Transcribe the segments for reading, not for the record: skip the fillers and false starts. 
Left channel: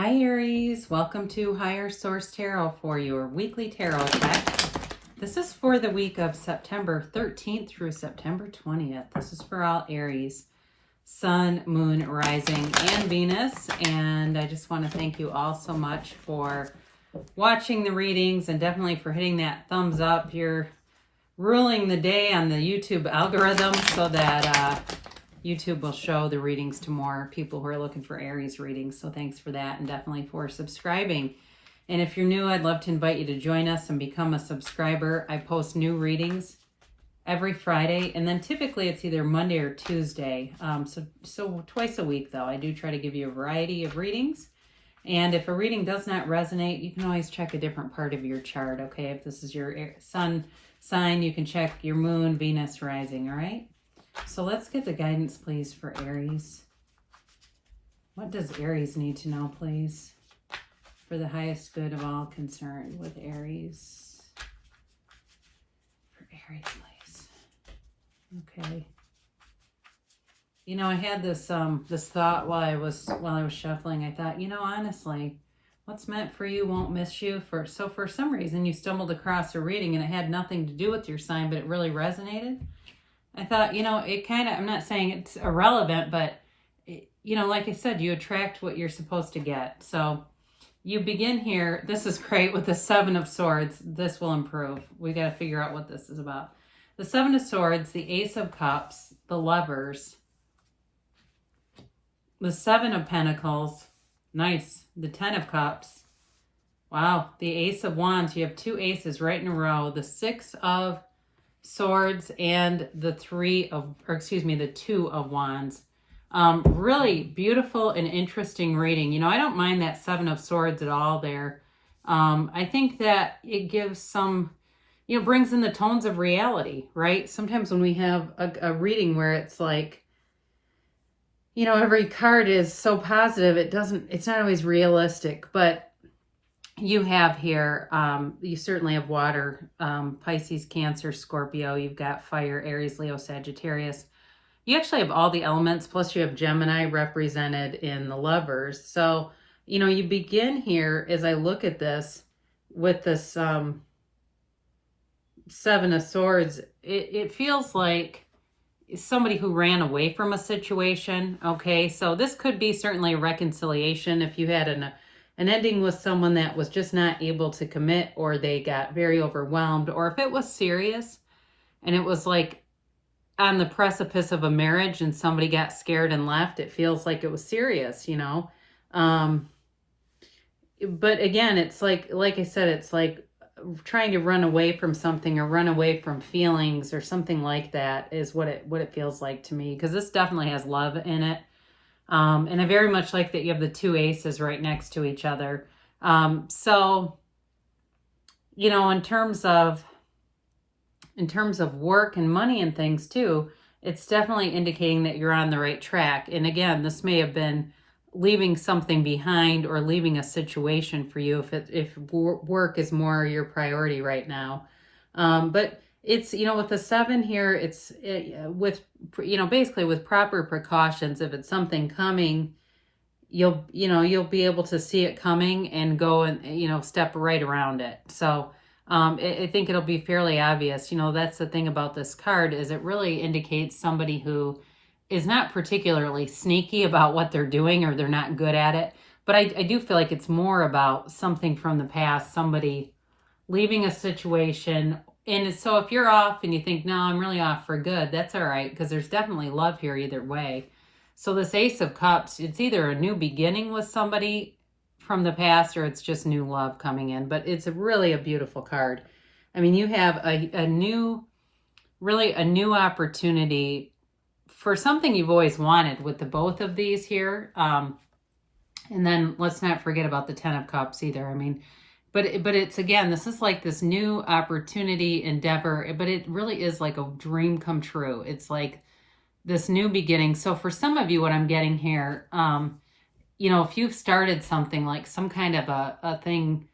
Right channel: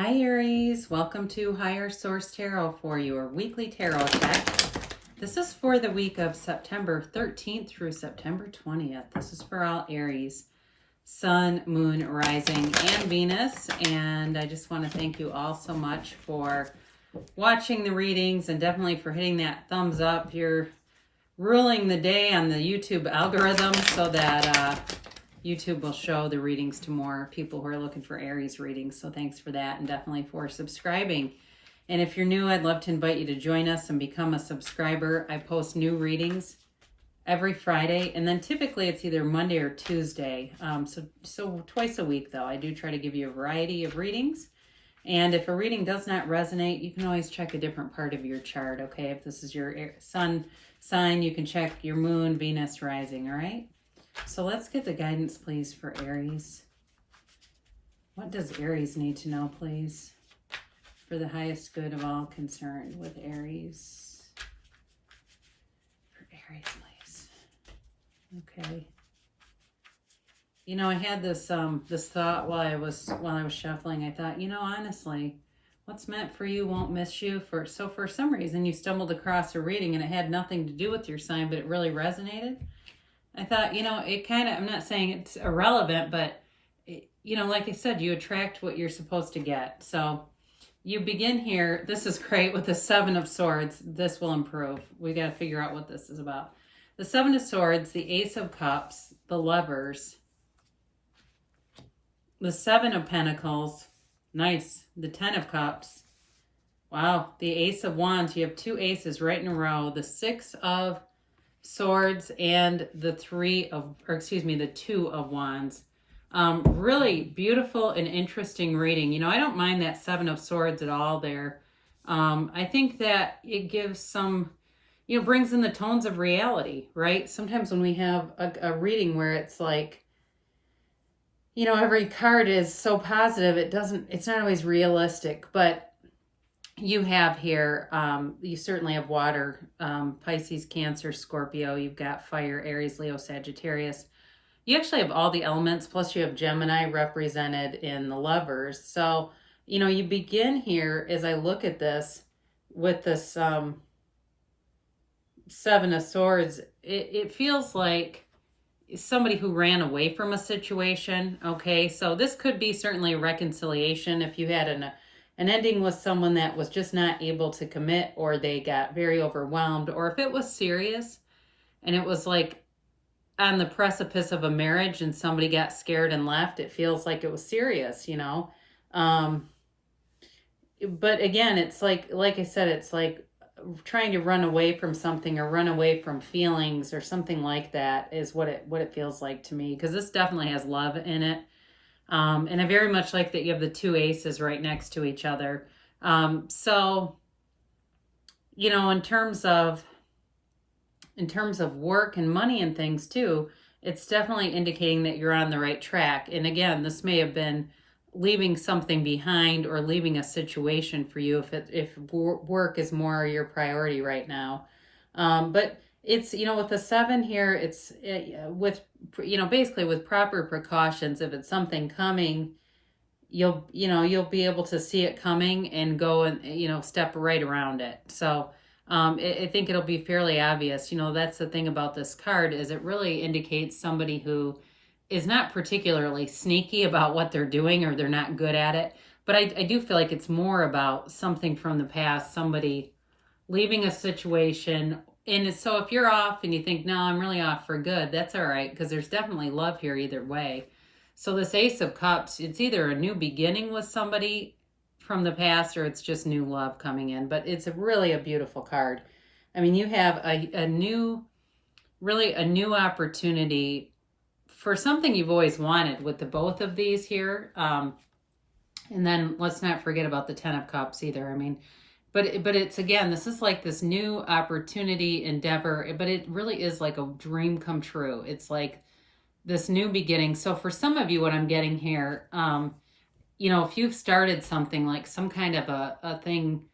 Hi Aries, welcome to Higher Source Tarot for your weekly tarot check. This is for the week of September 13th through September 20th. This is for all Aries, Sun, Moon, Rising, and Venus. And I just want to thank you all so much for watching the readings and definitely for hitting that thumbs up. You're ruling the day on the YouTube algorithm so that YouTube will show the readings to more people who are looking for Aries readings. So thanks for that, and definitely for subscribing. And if you're new, I'd love to invite you to join us and become a subscriber. I post new readings every Friday, and then typically it's either Monday or Tuesday. So twice a week, though. I do try to give you a variety of readings. And if a reading does not resonate, you can always check a different part of your chart, okay? If this is your sun sign, you can check your moon, Venus, rising, all right? So let's get the guidance, please, for Aries. What does Aries need to know, please, for the highest good of all concerned with Aries? For Aries, please. Okay. You know, I had this thought while I was shuffling. I thought, you know, honestly, what's meant for you won't miss you. So for some reason, you stumbled across a reading and it had nothing to do with your sign, but it really resonated. I thought, you know, it kind of, I'm not saying it's irrelevant, but, you know, like I said, you attract what you're supposed to get. So you begin here. This is great with the Seven of Swords. This will improve. We got to figure out what this is about. The Seven of Swords, the Ace of Cups, the Lovers, the Seven of Pentacles. Nice. The Ten of Cups. Wow. The Ace of Wands. You have two aces right in a row. The Six of Swords and the Two of Wands. Really beautiful and interesting reading. You know, I don't mind that Seven of Swords at all there. I think that it gives some, you know, brings in the tones of reality, right? Sometimes when we have a reading where it's like, you know, every card is so positive, it's not always realistic, but you have here, you certainly have water, Pisces, Cancer, Scorpio. You've got fire, Aries, Leo, Sagittarius. You actually have all the elements, plus you have Gemini represented in the Lovers. So, you know, you begin here, as I look at this, with this Seven of Swords. It feels like somebody who ran away from a situation, okay? So this could be certainly a reconciliation if you had an ending with someone that was just not able to commit, or they got very overwhelmed, or if it was serious and it was like on the precipice of a marriage and somebody got scared and left, it feels like it was serious, you know? But again, it's like I said, it's like trying to run away from something or run away from feelings or something like that is what it feels like to me, because this definitely has love in it. And I very much like that you have the two aces right next to each other. So, you know, in terms of work and money and things too, it's definitely indicating that you're on the right track. And again, this may have been leaving something behind or leaving a situation for you if work is more your priority right now. But it's, you know, with the seven here, it's with, you know, basically with proper precautions. If it's something coming, you'll be able to see it coming and go and, you know, step right around it. So I think it'll be fairly obvious. You know, that's the thing about this card, is it really indicates somebody who is not particularly sneaky about what they're doing, or they're not good at it. But I do feel like it's more about something from the past, somebody leaving a situation. And so if you're off and you think, no, I'm really off for good, that's all right, because there's definitely love here either way. So this Ace of Cups, it's either a new beginning with somebody from the past, or it's just new love coming in. But it's really a beautiful card. I mean, you have a new opportunity for something you've always wanted with the both of these here. And then let's not forget about the Ten of Cups either. I mean, but it's, again, this is like this new opportunity, endeavor, but it really is like a dream come true. It's like this new beginning. So for some of you, what I'm getting here, you know, if you've started something like some kind of a thing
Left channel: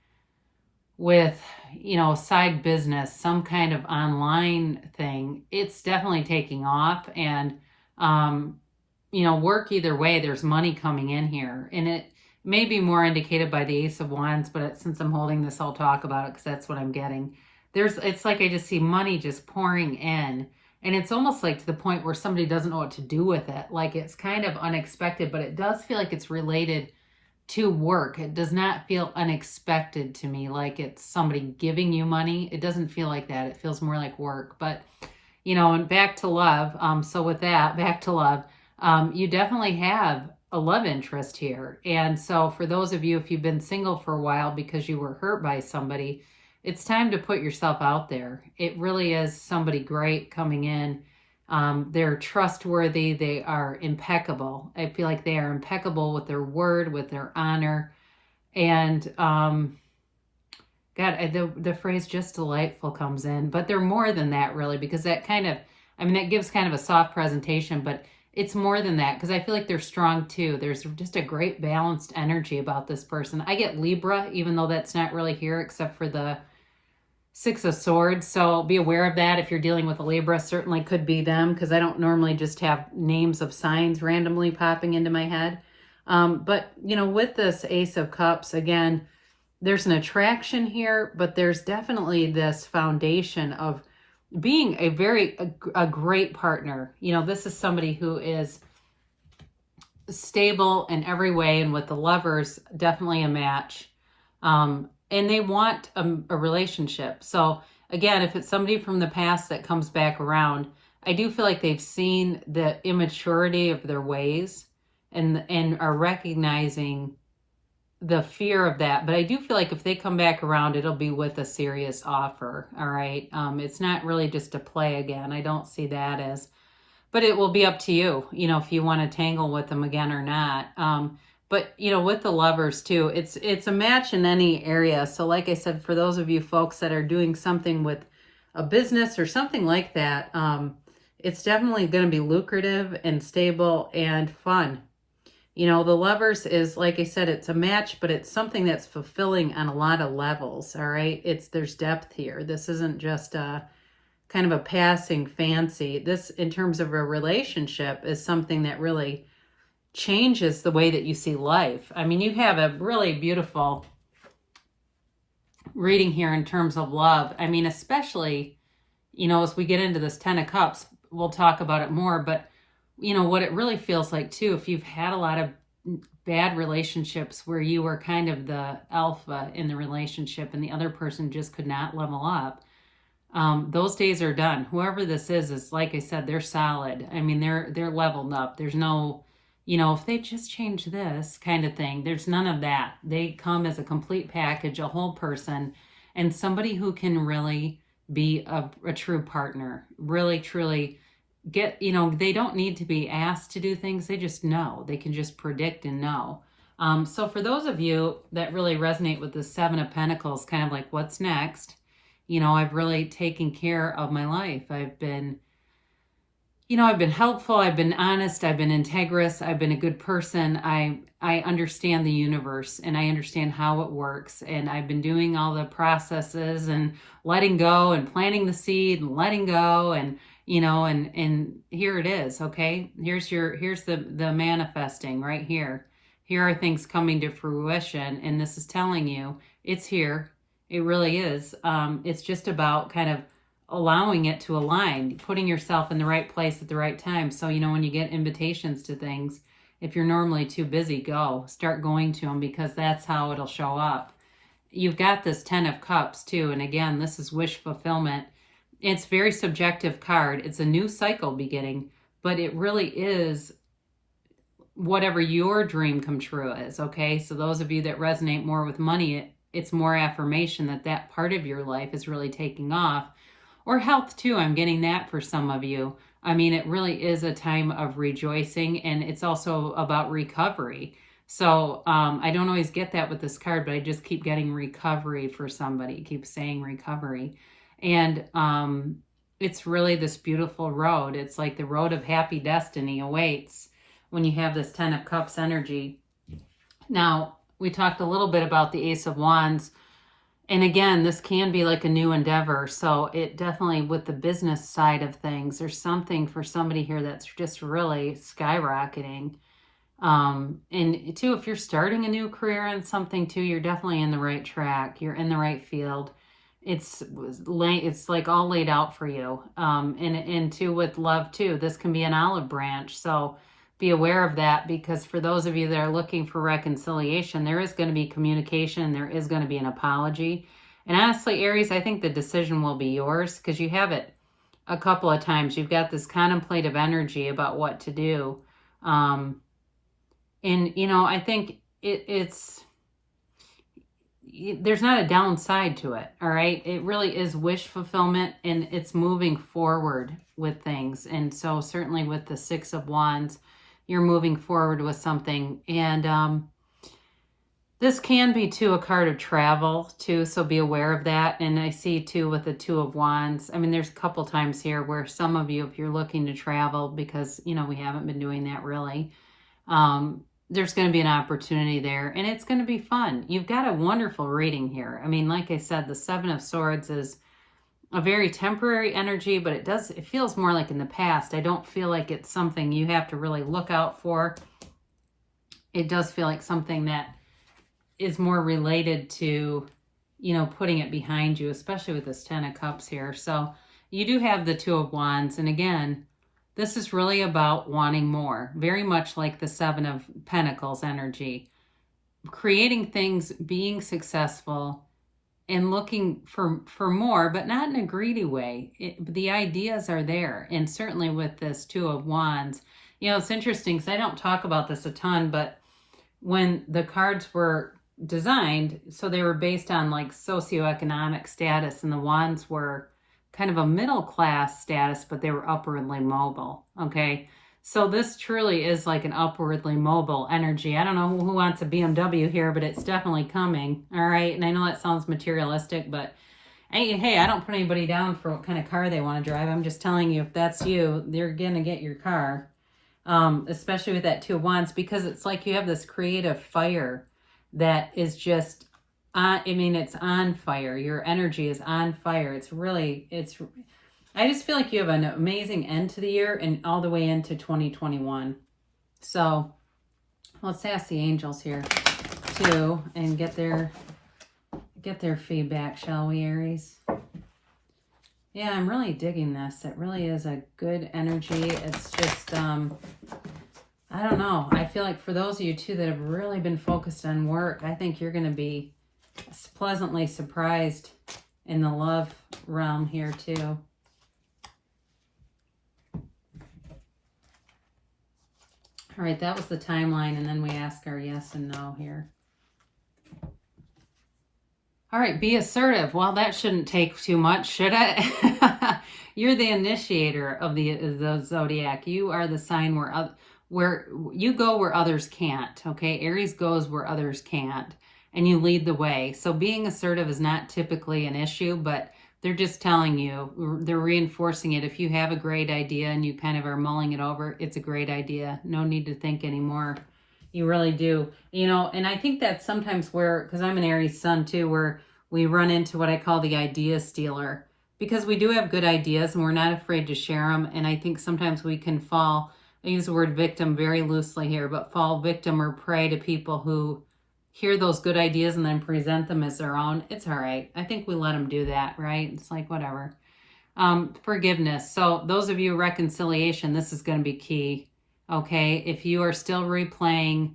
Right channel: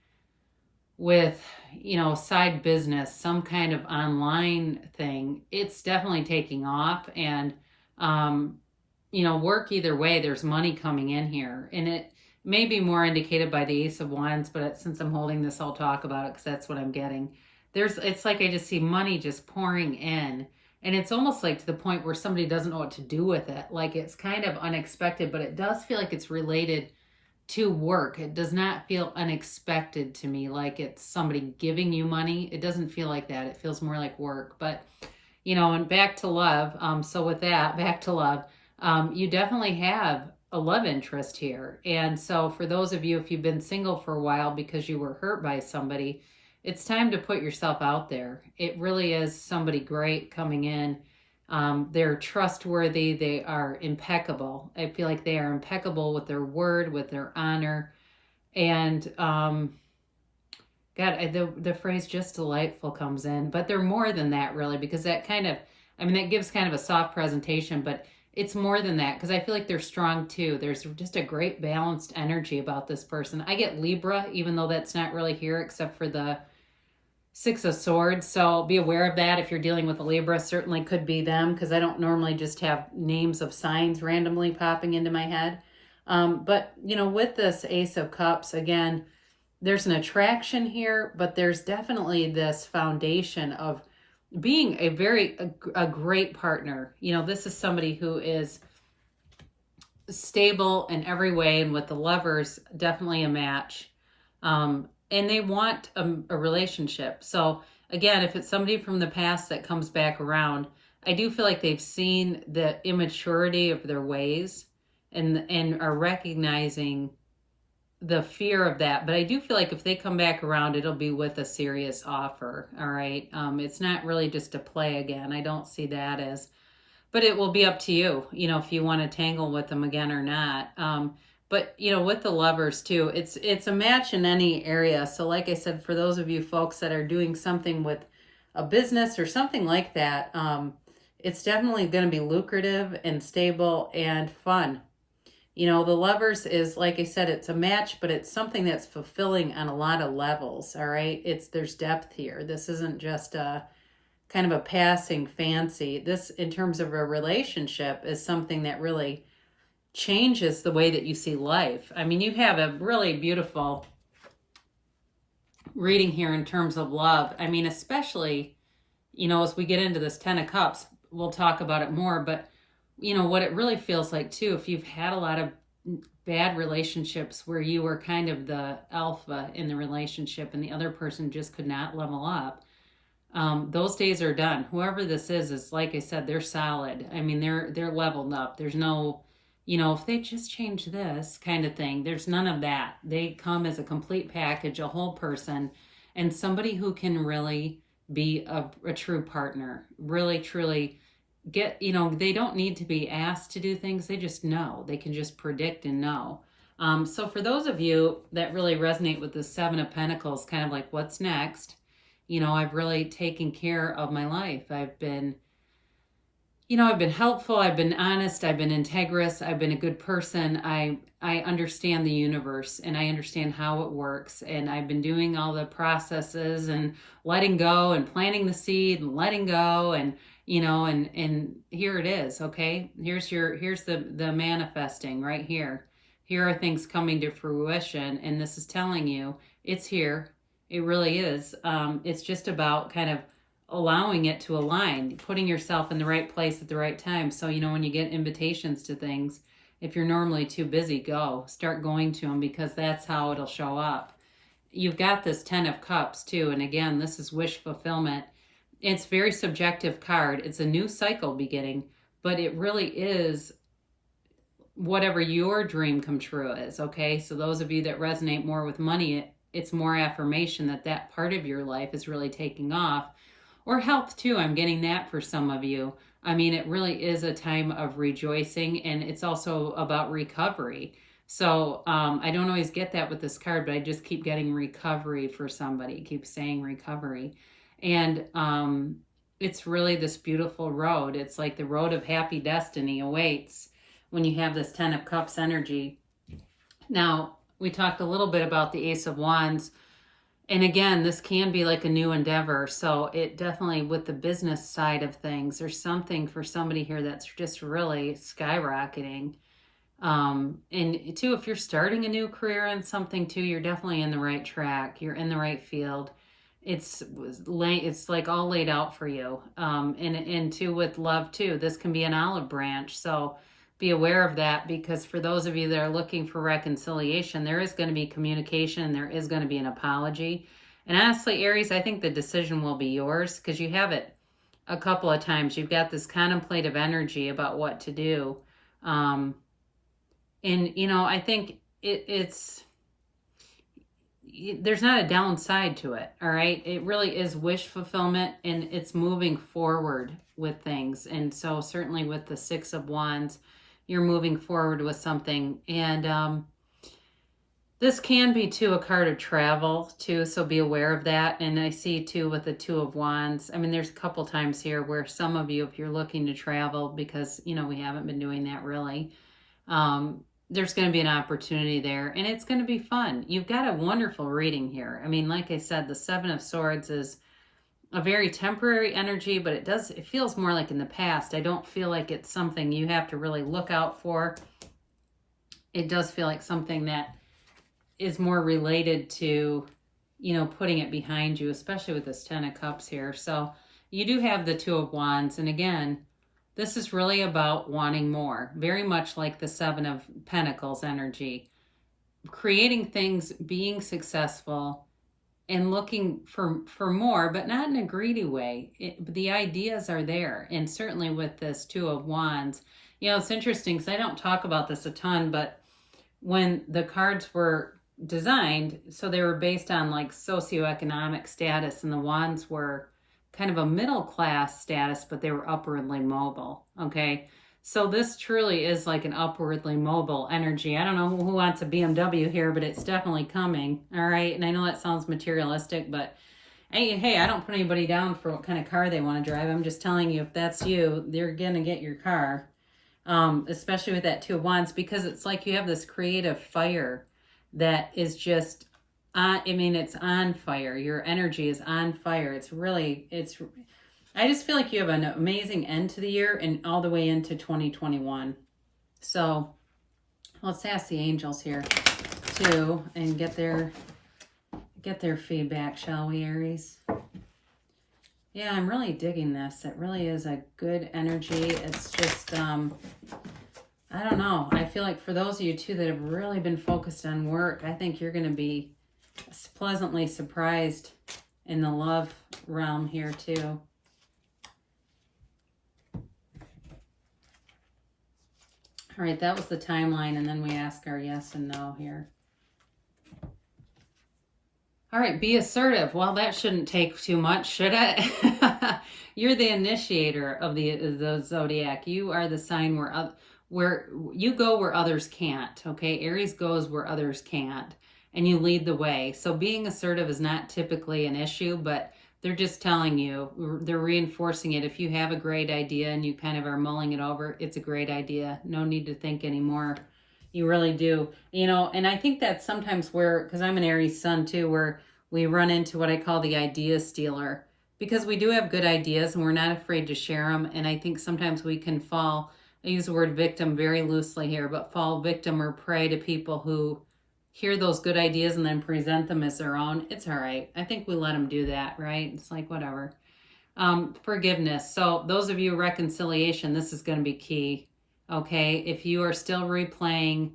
with, you know, side business, some kind of online thing, it's definitely taking off. And, you know, work either way, there's money coming in here. And may be more indicated by the Ace of Wands, but since I'm holding this, I'll talk about it because that's what I'm getting. It's like I just see money just pouring in, and it's almost like to the point where somebody doesn't know what to do with it. Like it's kind of unexpected, but it does feel like it's related to work. It does not feel unexpected to me, like it's somebody giving you money. It doesn't feel like that. It feels more like work. But, and back to love. So with that, back to love, you definitely have a love interest here. And so for those of you, if you've been single for a while because you were hurt by somebody, it's time to put yourself out there. It really is somebody great coming in. They're trustworthy. They are impeccable. I feel like they are impeccable with their word, with their honor. And the phrase just delightful comes in. But they're more than that, really, because that that gives kind of a soft presentation, but it's more than that because I feel like they're strong too. There's just a great balanced energy about this person. I get Libra, even though that's not really here except for the Six of Swords. So be aware of that if you're dealing with a Libra. Certainly could be them because I don't normally just have names of signs randomly popping into my head. But, with this Ace of Cups, again, there's an attraction here, but there's definitely this foundation of being a great partner. This is somebody who is stable in every way, and with the Lovers, definitely a match. And they want a relationship. So again, if it's somebody from the past that comes back around, I do feel like they've seen the immaturity of their ways and are recognizing the fear of that. But I do feel like if they come back around, it'll be with a serious offer. All right. It's not really just a play again. I don't see that as, but it will be up to you, if you want to tangle with them again or not. But, with the Lovers too, it's a match in any area. So like I said, for those of you folks that are doing something with a business or something like that, it's definitely going to be lucrative and stable and fun. The Lovers is, like I said, it's a match, but it's something that's fulfilling on a lot of levels. All right. There's depth here. This isn't just a kind of a passing fancy. This, in terms of a relationship, is something that really changes the way that you see life. I mean, you have a really beautiful reading here in terms of love. I mean, especially, as we get into this Ten of Cups, we'll talk about it more, but what it really feels like too, if you've had a lot of bad relationships where you were kind of the alpha in the relationship and the other person just could not level up, those days are done. Whoever this is like I said, they're solid. I mean, they're leveled up. There's no, if they just change this kind of thing, there's none of that. They come as a complete package, a whole person, and somebody who can really be a true partner, really, truly get, they don't need to be asked to do things. They just know. They can just predict and know. So for those of you that really resonate with the Seven of Pentacles, kind of like what's next, I've really taken care of my life. I've been helpful, I've been honest, I've been integrous, I've been a good person. I understand the universe and I understand how it works. And I've been doing all the processes and letting go and planting the seed and letting go and, and here it is. Okay. Here's the manifesting right here. Here are things coming to fruition. And this is telling you it's here. It really is. It's just about kind of allowing it to align, putting yourself in the right place at the right time. So, when you get invitations to things, if you're normally too busy, start going to them because that's how it'll show up. You've got this Ten of Cups too. And again, this is wish fulfillment. It's a very subjective card. It's a new cycle beginning, but it really is whatever your dream come true is. Okay. So those of you that resonate more with money, it's more affirmation that part of your life is really taking off. Or health too, I'm getting that for some of you. I mean, it really is a time of rejoicing, and it's also about recovery. So I don't always get that with this card, but I just keep getting recovery for somebody. Keep saying recovery. And it's really this beautiful road. It's like the road of happy destiny awaits when you have this Ten of Cups energy. Now, we talked a little bit about the Ace of Wands. And again, this can be like a new endeavor. So it definitely, with the business side of things, there's something for somebody here that's just really skyrocketing. And too, if you're starting a new career in something too, you're definitely in the right track. You're in the right field. It's like all laid out for you. And too, with love too, this can be an olive branch. So be aware of that, because for those of you that are looking for reconciliation, there is going to be communication. There is going to be an apology. And honestly, Aries, I think the decision will be yours, because you have it a couple of times. You've got this contemplative energy about what to do. And, I think there's not a downside to it, all right? It really is wish fulfillment, and it's moving forward with things. And so certainly with the Six of Wands, you're moving forward with something. And this can be, too, a card of travel, too, so be aware of that. And I see, too, with the Two of Wands, I mean, there's a couple times here where some of you, if you're looking to travel, because, we haven't been doing that really, there's going to be an opportunity there, and it's going to be fun. You've got a wonderful reading here. I mean, like I said, the Seven of Swords is a very temporary energy, but it feels more like in the past. I don't feel like it's something you have to really look out for. It does feel like something that is more related to, putting it behind you, especially with this Ten of Cups here. So you do have the Two of Wands, and again, this is really about wanting more, very much like the Seven of Pentacles energy. Creating things, being successful, and looking for more, but not in a greedy way. The ideas are there. And certainly with this Two of Wands, it's interesting because I don't talk about this a ton, but when the cards were designed, so they were based on like socioeconomic status, and the Wands were kind of a middle class status, but they were upwardly mobile. Okay. So this truly is like an upwardly mobile energy. I don't know who wants a BMW here, but it's definitely coming. All right. And I know that sounds materialistic, but hey, I don't put anybody down for what kind of car they want to drive. I'm just telling you, if that's you, you're going to get your car. Especially with that Two of Wands, because it's like you have this creative fire that is just, it's on fire. Your energy is on fire. I just feel like you have an amazing end to the year and all the way into 2021. So let's ask the angels here too and get their feedback, shall we, Aries? Yeah, I'm really digging this. It really is a good energy. It's just, I don't know. I feel like for those of you too that have really been focused on work, I think you're going to be pleasantly surprised in the love realm here too. All right, that was the timeline, and then we ask our yes and no here. All right, be assertive. Well, that shouldn't take too much, should it? You're the initiator of the zodiac. You are the sign where you go where others can't, okay? Aries goes where others can't, and you lead the way. So being assertive is not typically an issue, but they're just telling you, they're reinforcing it. If you have a great idea and you kind of are mulling it over, it's a great idea. No need to think anymore. You really do. And I think that's sometimes where, because I'm an Aries sun too, where we run into what I call the idea stealer, because we do have good ideas and we're not afraid to share them. And I think sometimes we can fall, I use the word victim very loosely here, but fall victim or prey to people who hear those good ideas and then present them as their own. It's all right. I think we let them do that, right? It's like, whatever. Forgiveness. So those of you reconciliation, this is going to be key. Okay. If you are still replaying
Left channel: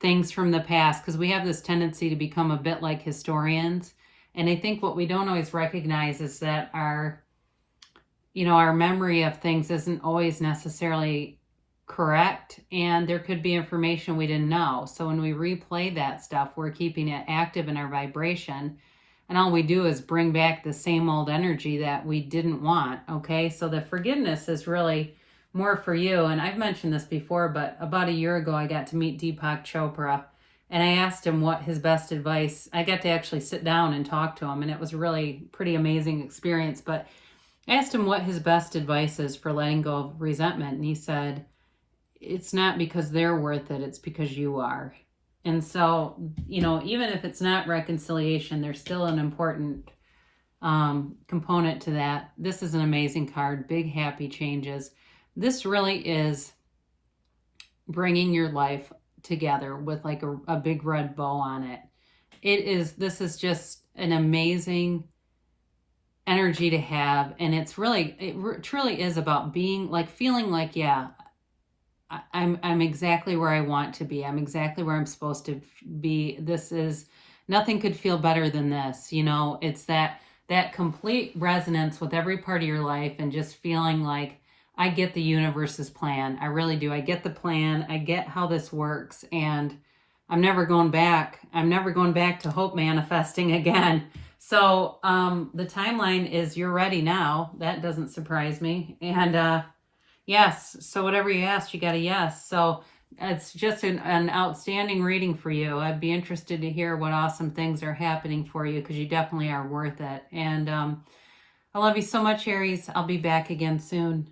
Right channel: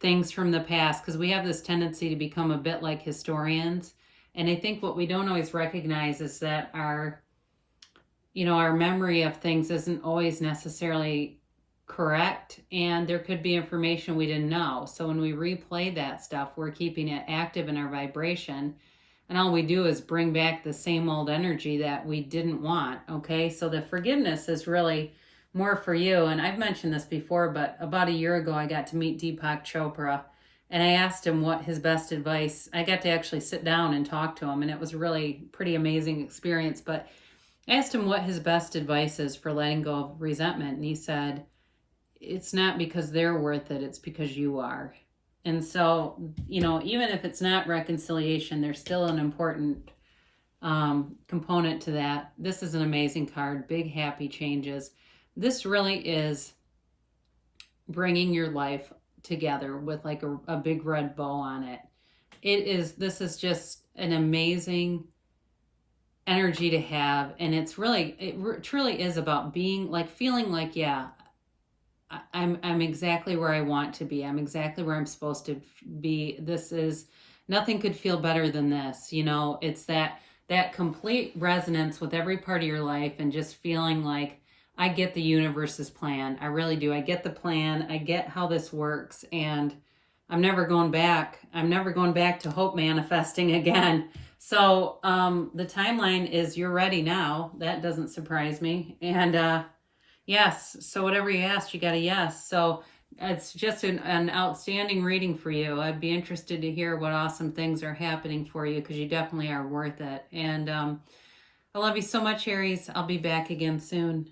things from the past, because we have this tendency to become a bit like historians. And I think what we don't always recognize is that our memory of things isn't always necessarily correct, and there could be information we didn't know. So when we replay that stuff, we're keeping it active in our vibration, and all we do is bring back the same old energy that we didn't want. Okay, so the forgiveness is really more for you. And I've mentioned this before, but about a year ago I got to meet Deepak Chopra, and I asked him what his best advice. I got to actually sit down and talk to him, and it was a really pretty amazing experience. But I asked him what his best advice is for letting go of resentment, and he said, it's not because they're worth it, it's because you are. And so, even if it's not reconciliation, there's still an important component to that. This is an amazing card, big happy changes. This really is bringing your life together with like a big red bow on it. This is just an amazing energy to have. And it truly is about being like, feeling like, yeah, I'm exactly where I want to be. I'm exactly where I'm supposed to be. Nothing could feel better than this. You know, it's that complete resonance with every part of your life and just feeling like, I get the universe's plan. I really do. I get the plan. I get how this works. And I'm never going back. I'm never going back to hope manifesting again. So the timeline is you're ready now. That doesn't surprise me. And yes, so whatever you asked, you got a yes. So it's just an outstanding reading for you. I'd be interested to hear what awesome things are happening for you, because you definitely are worth it. And I love you so much, Aries. I'll be back again soon.